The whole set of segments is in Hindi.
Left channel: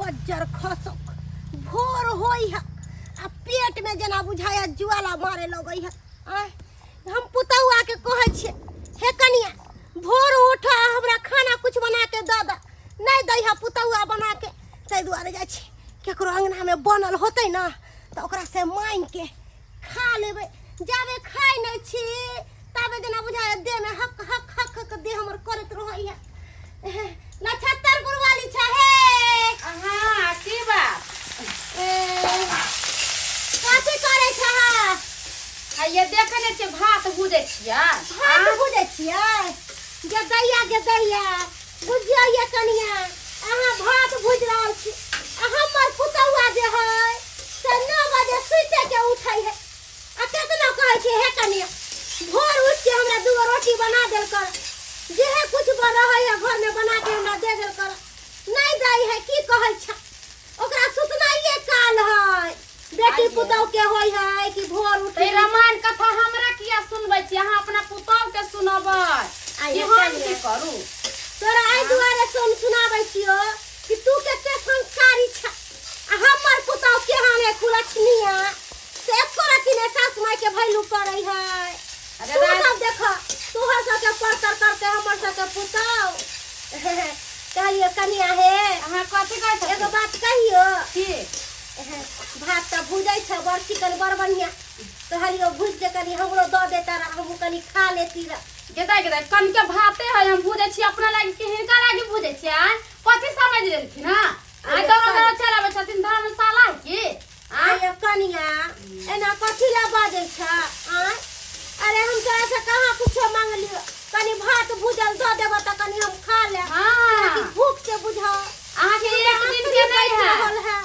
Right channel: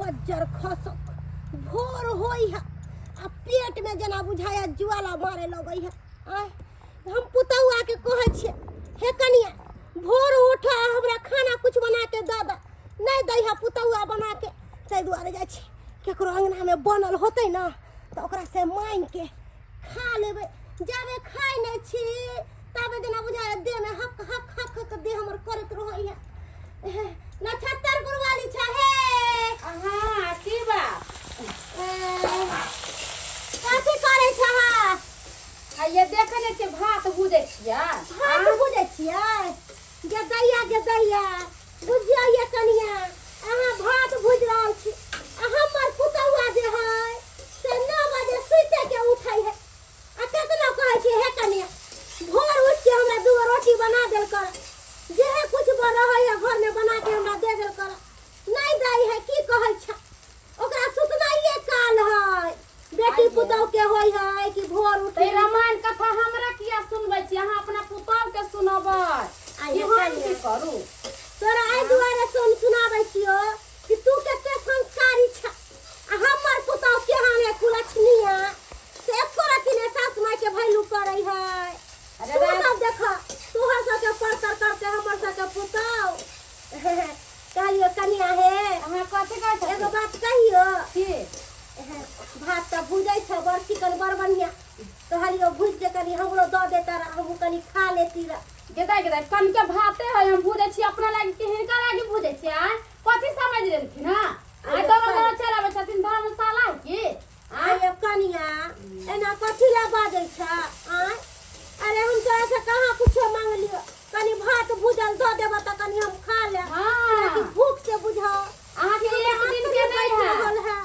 पज्जर खसक भोर होई है आ पेट में जना बुझाया ज्वाला मारे लगई है। हम पुतौआ के कहै छियै हे कनिया भोर उठ हमरा खाना कुछ बना के दे द, नहीं दै है पुतौआ बना के, ताहि दुआरे जाइ छी केकरो अंगना में बनल होतै ना तो ओकरा से मांग के खा लेबै। जाबे खाइ नहीं छी ताबे जना बुझाया देह में हक हक हक हक देह हमर करत रहै है। नक्षत्रपुर वाली छहे हाँ की बात काफी करे छहा ये देखे ने छे भात भूजे छिया भात भूजे छियै गे दैया बुझिया ये कनिया अहाँ भात भूज रहल छी आ हमर पुतौआ जे है से 9 बजे सुते के उठै है आ केतना कहै छी हे कनिया भोर उठ के हमरा 2 रोटी बना देल कर, जे कुछ बना है घर में बना के हमरा दे देल कर, नहीं दै है की कहै छ ओकरा सुतनाइए काल है बेटी पुतौ के होय है कि भोर उठ ते रामायण कथा हमरा किया सुनबै छी, अहाँ अपना पुतौ के सुनबै आई हम की करू तोरा आई दुआरे सुनाबै छियो कि तू के संस्कारी छ आ हमर पुतौ के हमे कुलछनिया से एको ने सास माय के भैलू करै है। अरे सब देख तोहर सब के परतर करके हमर सब के पुतौ कहियो कनिया हे अहाँ कथि कहै छी एगो बात कहियो की भात त भुजै छ बड़ चिकन बड़ बढ़िया कहलियो भुज के कनी हमरो द देता रह हम कनी खा लेती रह। गेदा कन के भाते है हम भूजे छी अपना लागी के हिनका लागी भूजे छी कथि समझ लेलखिन ना आई तो ना चलाबे छथिन धर्मशाला की आय कनिया एना कथि ला बाजै छ अरे हम तोरा से कहां कुछो मांग लियो कनी भात भुजल द देब त कनी हम खा ले हां कि भूख से बुझाओ अहाँ के एक दिन के नहीं है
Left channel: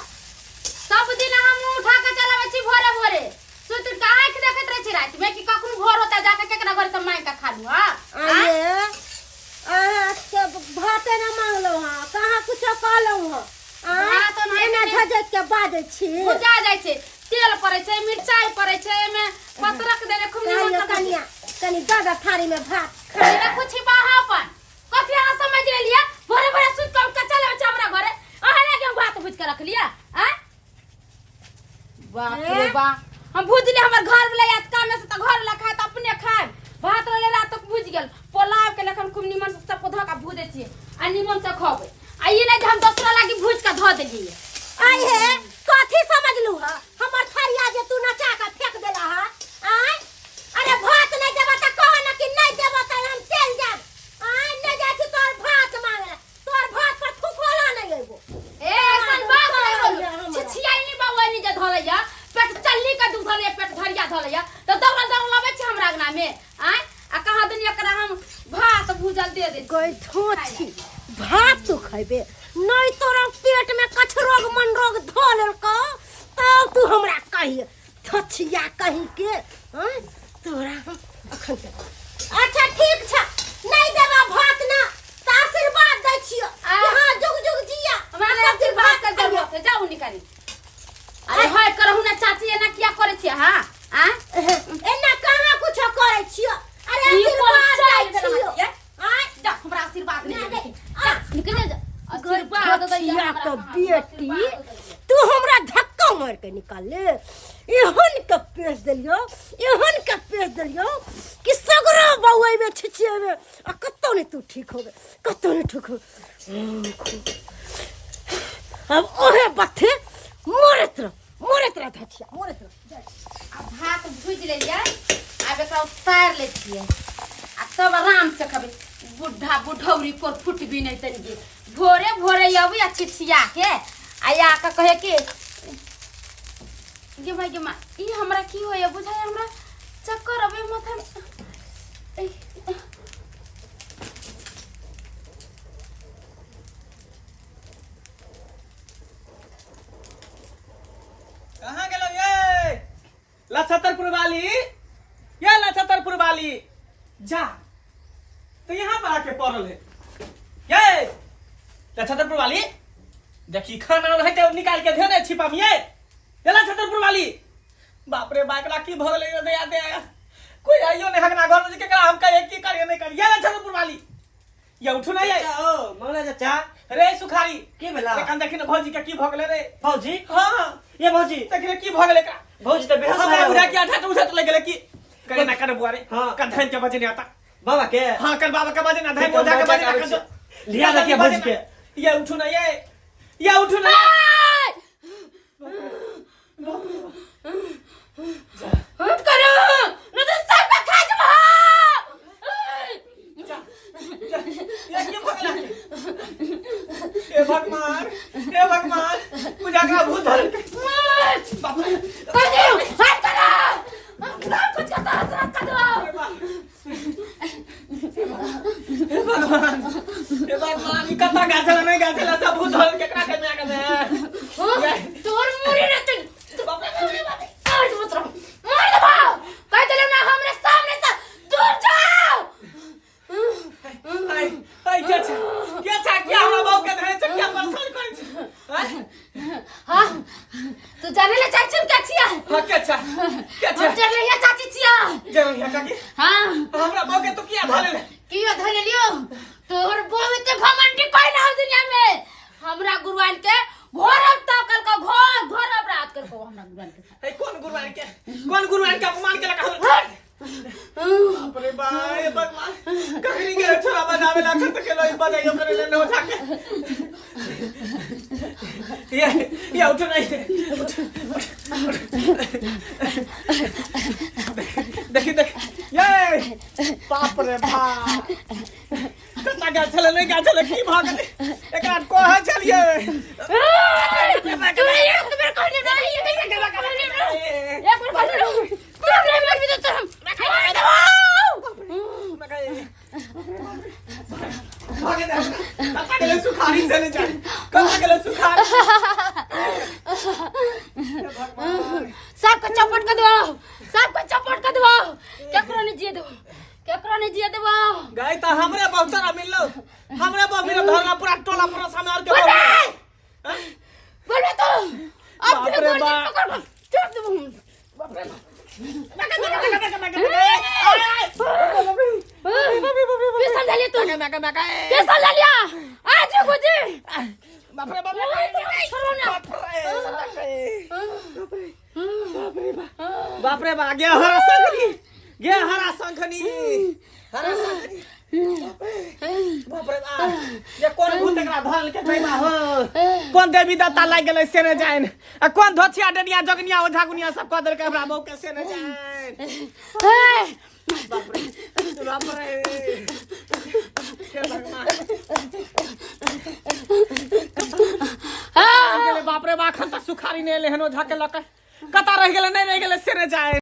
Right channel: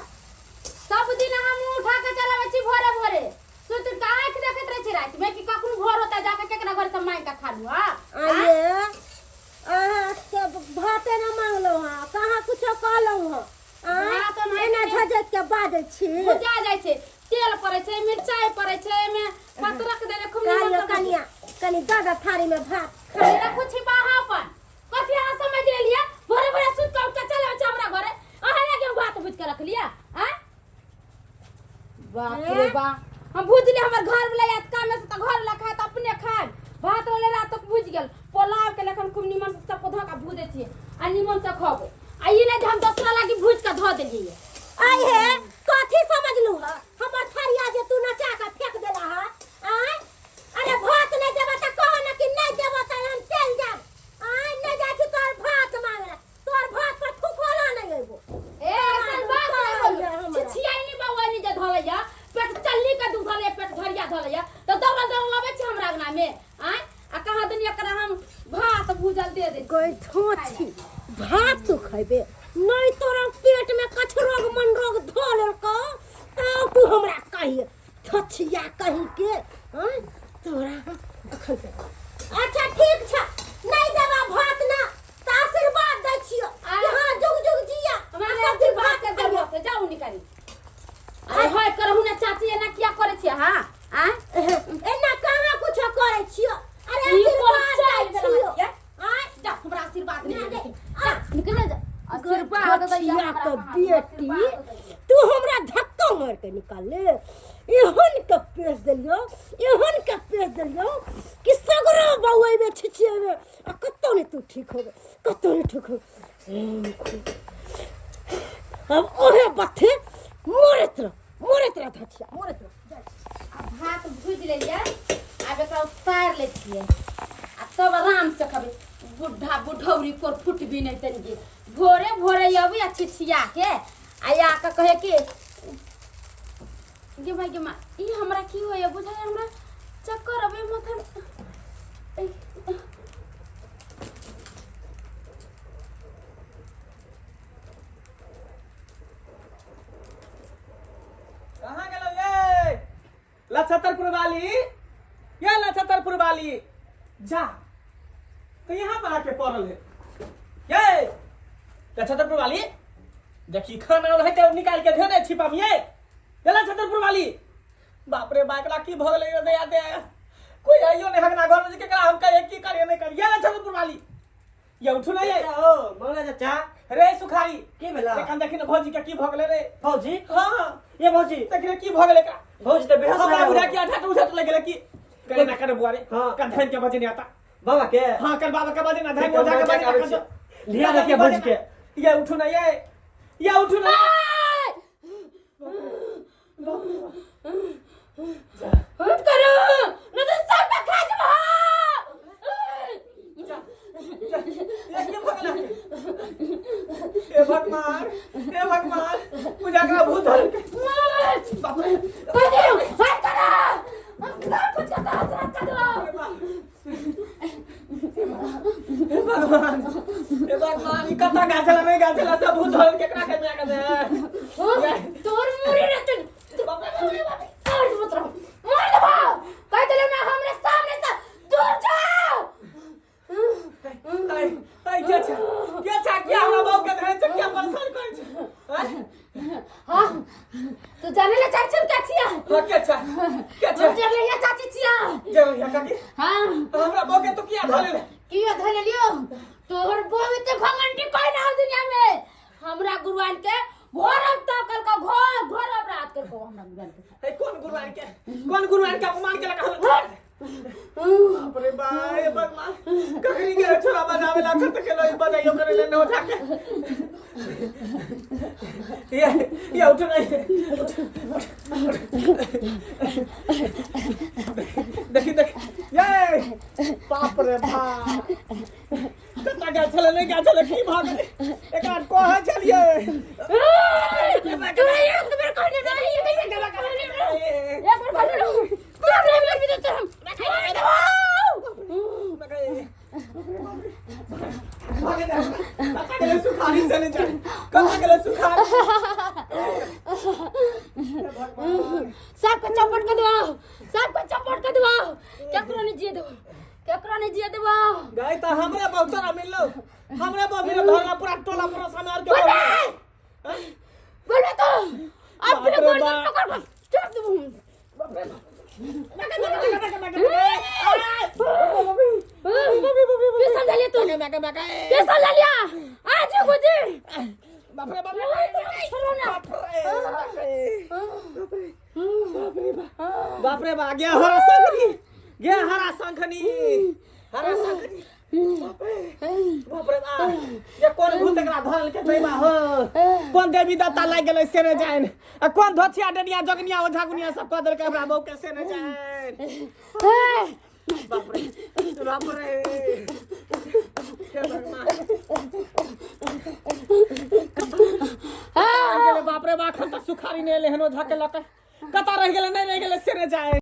सब दिन हम उठा के चलावे छी भोरे भोरे सुत के आंख देखत रह छी रात में कि कखनो भोर होता जाके केकरा घर से मांग के खा लू। हां अरे से भाते ना मांगलो हां कहां कुछो कहलो हां भात नहीं एना झजक के बाजै छी भुजा जाय छै तेल पड़ै छै मिरचाई पड़ै छै एमे पत्रक देले खूब निमन कनिया कनी दादा थारी में भात खाई ना कुछ बाहापन कथि अहाँ समझ लेलिए भोरे भोरे सुत के उठ के चलावे छी हमरा घरे अहाँ लगे हम भात भुज के रख लिया बाप रे बा हम भुज ले हमर घर वाला याद काम में से त घर वाला खाए त अपने खाए भात लगेला तो भुज गेल पोलाव के लेखन खूब निमन से सब धो के भुजे छी आ निमन से खबे आ ई नहीं हम दूसरा लागी भुज के धो देलिए आई हे कथि समझलू ह हमर थरिया जे तू नचा के फेंक देला ह अरे भात नहीं देबा त कहो न कि नहीं देबा त हम चल जाब नहीं जा छी तोर भात मांगे तोर भात पर थुकोला नहीं लेबो ए ऐसन बात नहीं बोलो छिछियाई नहीं बाबू नहीं जे धोलैया पेट चल्ली का दूध धोले पेट धरिया धोलैया तो दौड़ लावे छी हमरा अंगना में आ कहा दुनिया करा हम भात भूजल दे दे कोई थोची भात तू खइबे नहीं तोरा पेट में कछ रोग मन रोग धोल का तब तू हमरा कहिए थछिया कहीं के तोरा अखन अच्छा ठीक छ नहीं देबा भात ना त आशीर्वाद दै छियो हां जुग जुग जिया हमरा सब भात के देबो के जाऊ निकाली अरे हाय करहु ना चाची एना किया करे छी हां एना कहां कुछ करे छियो अरे आशीर्वाद दै छियो जा हमरा आशीर्वाद नहीं दे निकल जा आशीर्वाद छिया तो बेटी तू हमरा धक्का मार के निकाल ले एहन के पेश देलियो कि सगरो बउई में छिछिए में आ कत्तो नहीं तू ठीक होबे कत्तो नहीं ठीक हो अब ओहे बथे मोरत रह धछिया मोरत रह भात भूज ले लिया अब एकरा उतार ले छिए आ तब आराम से खबे बुढ़ा बुढ़ौरी पर फुट भी नहीं तनिए भोरे भोरे अबे आ छिछिया के आया का कहे कि गे भाई ई हमरा की होय बुझाय हमरा चक्कर अबे माथा में कहाँ गेलो ये लछतरपुर वाली जा तो यहाँ पर आके पड़ल है ये लछतरपुर वाली देखी खाना रहते निकाल के दे दे छिपा में ये लछतरपुर वाली बाप रे बाकरा की भगल दया दे कोई आइयो नहीं हगना घर में के हम कहे की करिए नहीं करिए लछतरपुर वाली ये उठू ना ये ओ मंगला चाचा रे सुखारी के भेला एखन देखि न भौजी के की भ गेले रे भौजी हां ये भौजी देखि न की भ गेले का भौजी त बेहोश हमरा है बुढ़ा के आठा उठत लगे कि करे ना करे बुआरे हाँ। का धन के बजे नहीं आता बाबा के हां कल बाबा का बजे ना धन ठीक है, मोधा के मैं बजे क्या ना लिया रखिए भौजी के ये उठू ना ये उठू ना हम करो न तो सब का खा जब ये की भ गेले हे भगवान पूजा का भूत धर बाप रे हाथ करो हम कुछ का तरह कर दो हे भगवान ई कता गाछला नहीं गाछला सब भूत धर केकरा के में आ गए तोर मुरी रे तू बाप रे काट मत रहो मार दो कह दिलो ना हमरे सामने से दूर जाओ हाय क्या हमरा बाऊ के धरे छ क्या परेशान करे छ हां तू जाने ले चाची क्या छिया हां क्या हम चल रही है चाची छिया जरूर या काकी हां हमरा बाऊ के तू किया धले रे कियो धरे लियो तोर बहुत घमंडी कोई ना हो दुनिया में हमरा गुरुवान के घोर अब तकल का घोर अपराध कर को हमरा गुरुवान के हे कौन गुरुवान के अपमान के लगा बाप रे बाप ये भगवान कखनी के छोरा बनावे ला खत के लोई बजाइयो करे ले हो जाके ये उठ नहीं देख ये बाप रे बाप कता के चले नहीं का चले की भाग एकरा को है चलिए तू ये मेरे को नहीं ये एक बार कर मर भी तो भागे दे कता के सुखारी से नहीं जाए कता के सुखारी सबको चपट कर दो केकरो ने जिए देबो गई त हमरे बहुतरा मिललो हमरे बहु मेरा धरना पूरा टोला पूरा सामने और के बोल तो बाप रे बाप छोड़ दो बाप रे कैसा डालिए तू कैसा डालिया आज गुजी बाप रे छोड़ो ना बाप रे बाप गया हरा संखनी बाप रे बाप ये कौन भूत एकरा धल के जइबा हो कौन देवी दत्ता लाग गेलै से न जाइन आ कौन धोथिया डनिया जगनिया ओझा गुनिया सब कह देलकै हमरा बहू के से न जाइन बाप रे हे भगवान गेले बाप रे बा खन तक सुखारी ने लेहनो झके लक कता रह गेले नहीं रह गेले से न जाइन